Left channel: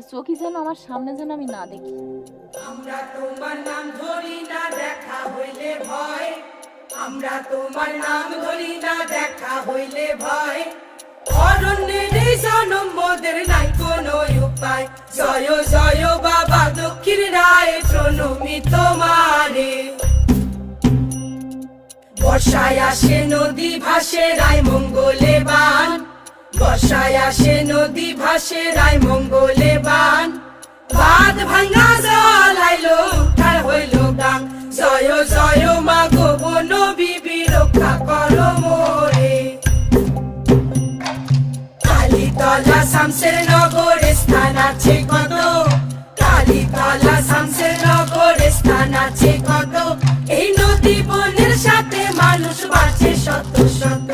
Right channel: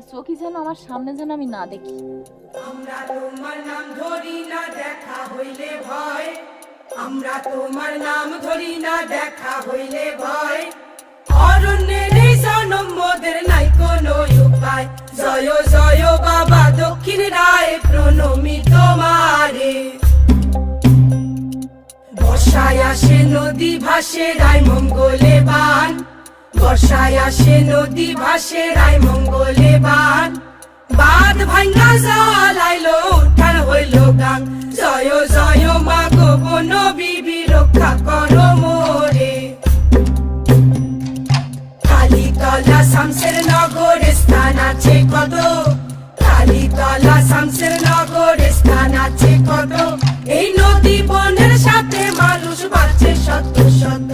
যে চোখই যেন আমার সামনে যেন আমি না দেখি। আমরা তোমার নাম ধরি না দেখা হইলে ভয়, আমরা তোমার নাম ধরি না দেখা হইলে ভয়, অরণ্যের এই জনম মোদের নাই কোনো উপায়। জয় জয় বাবা দক্ষিণ রায় প্রণমি তোমারে। বর্ষায় আসে নদী ভাসে রায় মঙ্গলে বান, বর্ষায় আসে নদী ভাসে রায় মঙ্গলে বান, বাদ ভাঙ্গা জল আইলো উঠার হইল গান। জয় জয় মা গো বন বিবি রক্ষা করো মোরে। কালীতলা শামসের নগরে স্থান আছে কত, কালীতলা শামসের নগরে স্থান আছে কত, এই নদী বনের সাথে মানুষ বাঁচে শত শত।